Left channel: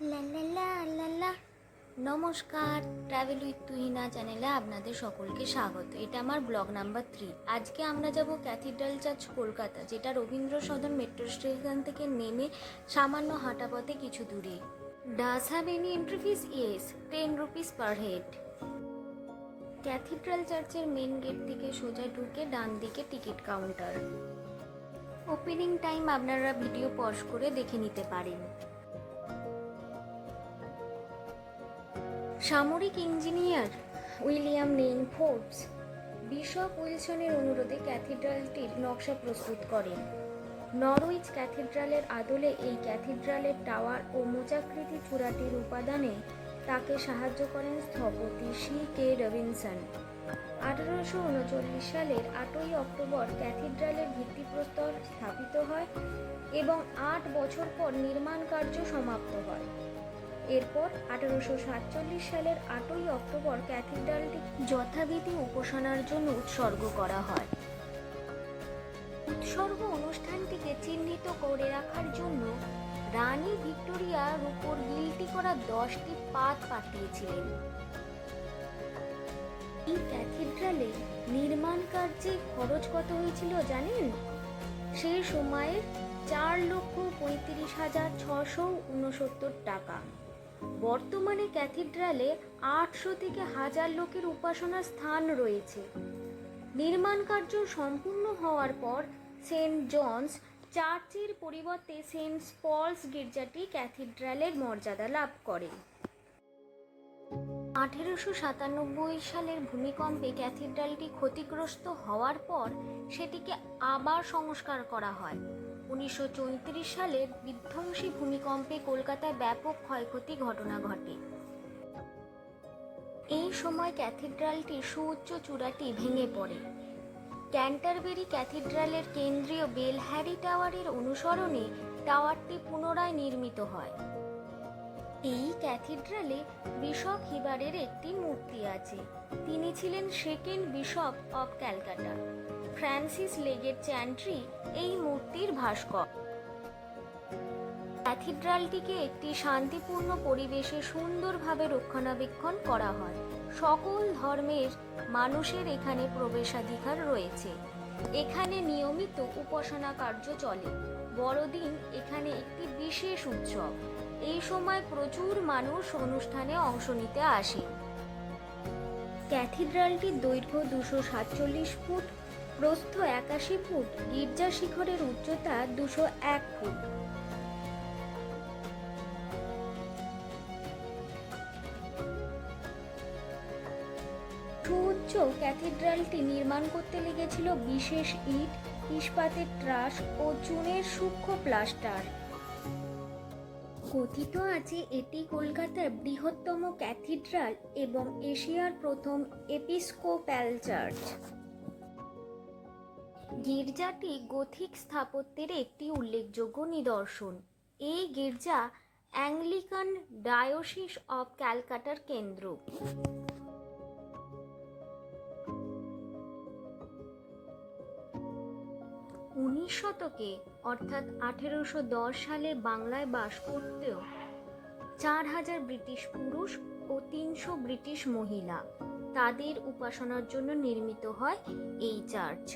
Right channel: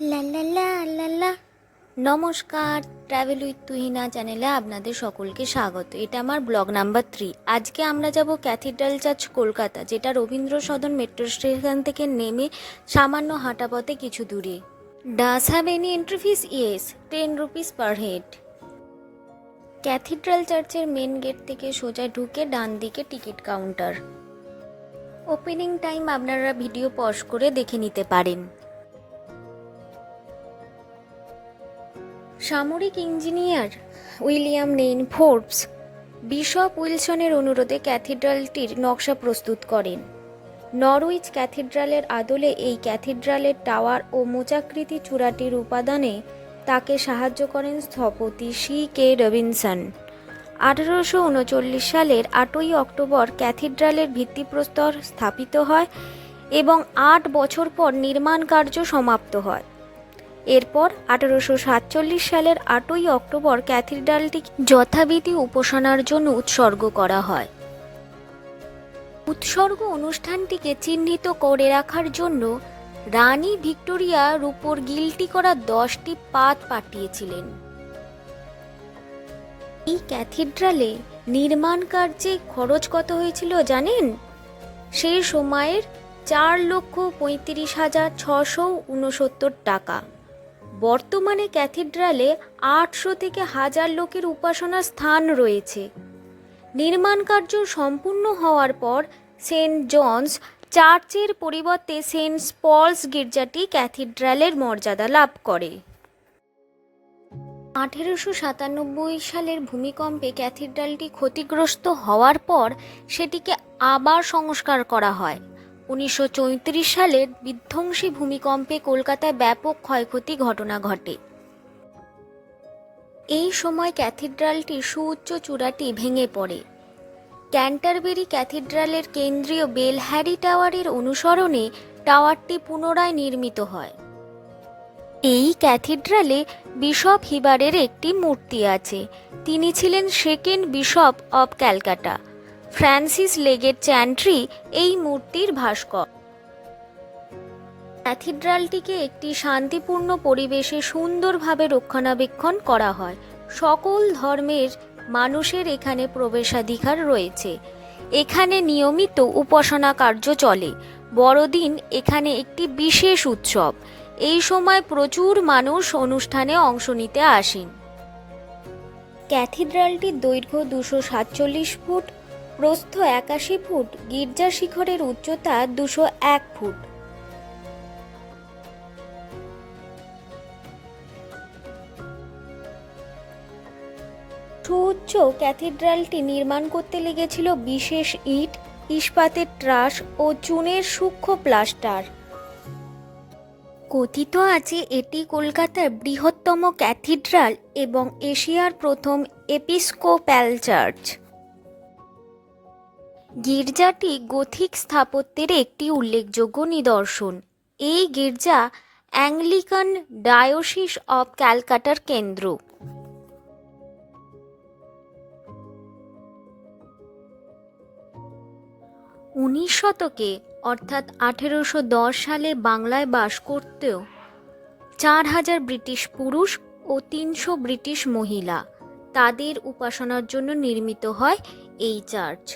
লা লা লা লা লা। নমস্কার, ট্রাভেল উইথ তুহিনা চ্যানেলে আপনাদের সকলকে স্বাগত। এটা আমার ব্লগ নাম্বার 3। আজকে আমরা যাব ক্যাথিড্রাল চার্চ কলকাতা, যেটা রবীন্দ্র সদন মেট্রো স্টেশন থেকে নেমে সামান্য হাঁটা পথে কিছু দূরে। Does have any entry fees? Yes, 10 rupees per head. Cathedral চার্চের মেন গেট থেকে সোজা ঢুকে ডান দিকে টিকিট কাউন্টার। ওপেনিং টাইম আপনারা ভিডিও পজ করে দেখে নিতে পারেন। সামরিক ইঞ্জিনিয়ার উইলিয়াম নেইন ফোর্বস বিশপ উইলসনের অনুরোধে ক্যাথিড্রালটির নকশা প্রস্তুত করেন। নরউইচ ক্যাথিড্রালের আদলে এই ক্যাথিড্রালের টাওয়ার ও মোচাকৃতি চূড়াটির উপাদানে তাকে সাহায্য করেন স্থপতি C.K. রবিনসন। 1839 সালের 8ই অক্টোবর ক্যাথিড্রালের ভিত্তিপ্রস্তর স্থাপিত হয় এবং 8 বছর পর নির্মাণ কার্য সমাপ্ত হয়। এরপর 1847 সালের 8ই অক্টোবর ক্যাথিড্রালটি যথাবিধি উপাসনার জন্য উৎসর্গ করা হয়। উৎসর্গ অনুষ্ঠানটিকে চিহ্নিত করে রাখার জন্য রানী ভিক্টোরিয়ার উপর গিল্টি করা 10টি পাত পাঠিয়েছিলেন। এই ক্যাথিড্রালে নির্মাণ কার্যে খরচ কত হয়েছিল জানেন? সেই সময়ের 4,35,669 টাকা। বর্তমানে ক্যাথিড্রালে 800 থেকে 1000 লোকের উপাসনার স্থান রয়েছে। নির্মাণ কার্য সম্পূর্ণ হওয়ার পর সেন্ট জনস চার্চের পরিবর্তে সেন্ট পলস গির্জাটি ক্যাথিড্রালের মর্যাদা লাভ করে। 1897 সালের ভূমিকম্পে ক্যাথিড্রালটি ক্ষতিগ্রস্ত হওয়ার পর সেটিকে আবার সংস্কার করা হয়। 1934 সালের বিধ্বংসী ভূমিকম্পে কলকাতায় ব্যাপক ক্ষয়ক্ষতি ঘটনা ঘটে। এই সময় ক্যাথিড্রালটির সুউচ্চ চূড়াটি ভেঙে পড়ে। ক্যান্টারবেরি ক্যাথিড্রালের কেন্দ্রীয় বেলহ্যারি টাওয়ারের অনুসরণে টাওয়ারটি পুনরায় নির্মিত হয়। এই ক্যাথিড্রালে বিশপ হিবারের একটি মূর্তি আছে। তিনি ছিলেন second bishop of Calcutta. Francis Leggatt Chantrey এই মূর্তির ভাস্কর। ক্যাথিড্রালটিকে একটি শান্তিপূর্ণ পরিবেশে সুন্দরভাবে রক্ষণাবেক্ষণ করা হয়। সকল ধর্মের মানুষের এখানে প্রবেশাধিকার রয়েছে। এখানে নিয়মিত উপাসনা কার্য চলে। বড়দিন এখানে একটি বিশেষ উৎসব। এই সময় প্রচুর মানুষ অনুষ্ঠানে অংশ নিতে আসেন। ক্যাথিড্রালটির দৈর্ঘ্য 247 ফুট, প্রস্থ 81 ফুট, গির্জা শিখরের উচ্চতা 201 ফুট। সুউচ্চ ক্যাথিড্রালটি নির্মাণ করতে লেগেছিল বিশেষ ইট, ইস্পাতের ট্রাস ও চুনের সূক্ষ্ম প্লাস্টার। কথিত আছে এটি কলকাতার বৃহত্তম ক্যাথিড্রাল এবং এশিয়ার প্রথম এপিস্কোপ্যাল চার্চ। গির্জাটি গথিক স্থাপত্যের একটি উল্লেখযোগ্য নিদর্শন। এই গির্জা অ্যাংলিকান ডায়োসিস অব ক্যালকাটার কেন্দ্র। 19 শতকে অর্থাৎ 1810 সালে বাংলায় বাস করতেও 4000 ব্রিটিশ পুরুষ ও 300 ব্রিটিশ মহিলা তাদের উপাসনার জন্য নির্মিত হয় এই চার্চ।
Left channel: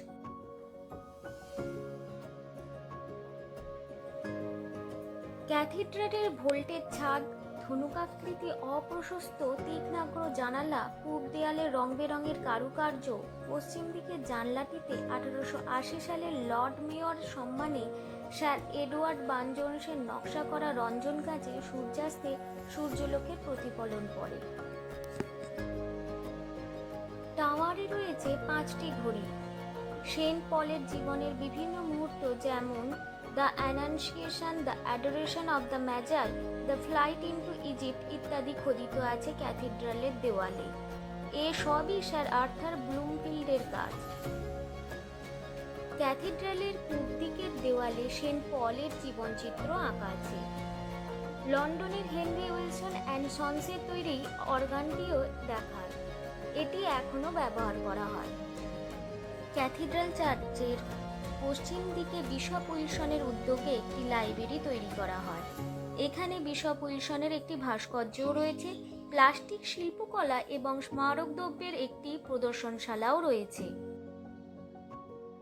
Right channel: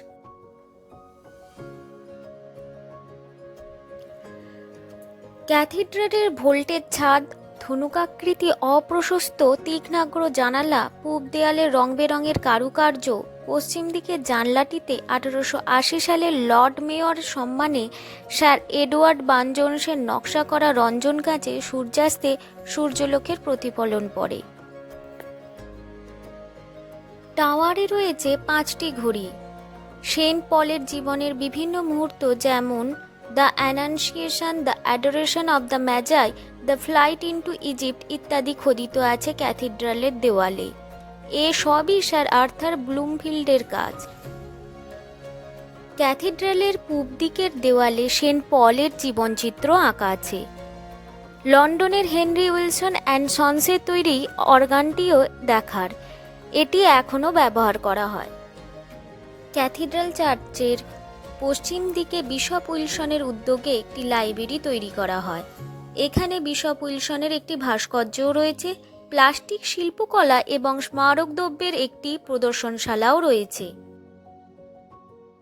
ক্যাথিড্রালের ভোল্টের ছাদ, ধনুকাকৃতি অপ্রশস্ত তীক্ষ্ণাগ্র জানালা, পূব দেয়ালের রং বেরঙের কারুকার্য, পশ্চিম দিকের জানলাটিতে 1880 সালের লর্ড মেয়র সম্মানে স্যার এডওয়ার্ড বার্নজোন্সের নকশা করা রঞ্জন কাঁচে সূর্যাস্তে সূর্যলোকের প্রতিফলন পড়ে। টাওয়ারে রয়েছে 5টি ঘড়ি। সেন্ট পলের জীবনের বিভিন্ন মুহূর্ত যেমন the Annunciation, the Adoration of the Magi, the Flight into Egypt ইত্যাদি খোদিত আছে ক্যাথিড্রালের দেওয়ালে। এ সবই স্যার আর্থার ব্লুমফিল্ডের কাজ। ক্যাথিড্রালের পূব দিকের দেওয়ালে সেন্ট পলের জীবনচিত্র আঁকা আছে। লন্ডনের হেনরি উইলসন অ্যান্ড সন্সের তৈরি অর্গানটিও দেখার। এটি এখনও ব্যবহার করা হয়। ক্যাথিড্রাল চার্চের পশ্চিম দিকে বিশপ উইলসনের উদ্যোগে একটি লাইব্রেরি তৈরি করা হয়। এখানে বিশপ উইলসনের একটি ভাস্কর্যও রয়েছে, প্লাস্টিক শিল্পকলা এবং স্মারক দ্রব্যের একটি প্রদর্শনশালাও রয়েছে।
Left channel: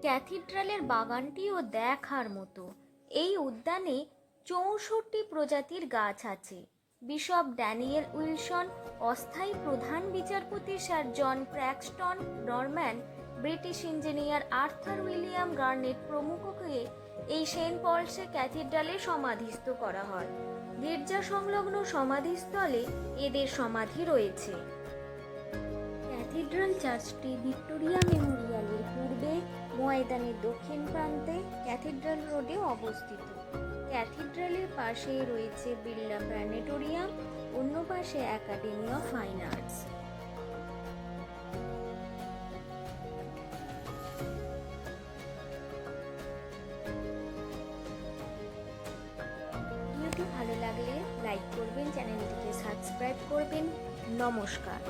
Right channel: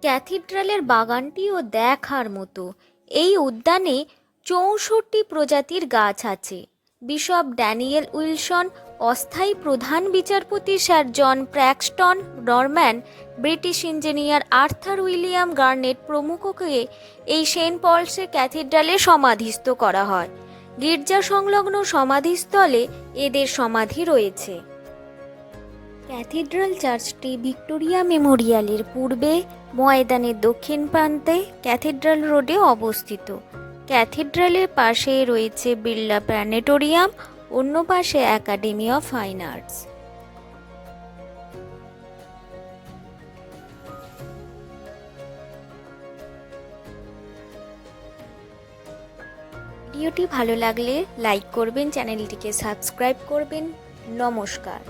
ক্যাথিড্রালের বাগানটিও দেখার মতো। এই উদ্যানে 64 প্রজাতির গাছ আছে। বিশপ ড্যানিয়েল উইলসন, অস্থায়ী প্রধান বিচারপতি sir John Paxton Norman, British engineer Arthur William Garnett প্রমুখকে এই সেন্ট পলসের ক্যাথিড্রালে সমাধিস্থ করা হয়। গির্জা সংলগ্ন সমাধিস্থলে এদের সমাধি রয়েছে। ক্যাথিড্রাল চার্চটি ভিক্টোরিয়া মেমোরিয়ালের পূর্বে ময়দানের দক্ষিণ প্রান্তে ক্যাথিড্রাল রোডে অবস্থিত। ক্যাথিড্রালের পাশে রয়েছে বিড়লা প্ল্যানেটোরিয়াম, অন্য পাশে একাডেমি অফ ফাইন আর্টস। ভিডিওটি ভালো লাগলে লাইক করবেন, চ্যানেলটিকে সাবস্ক্রাইব করবেন। নমস্কার।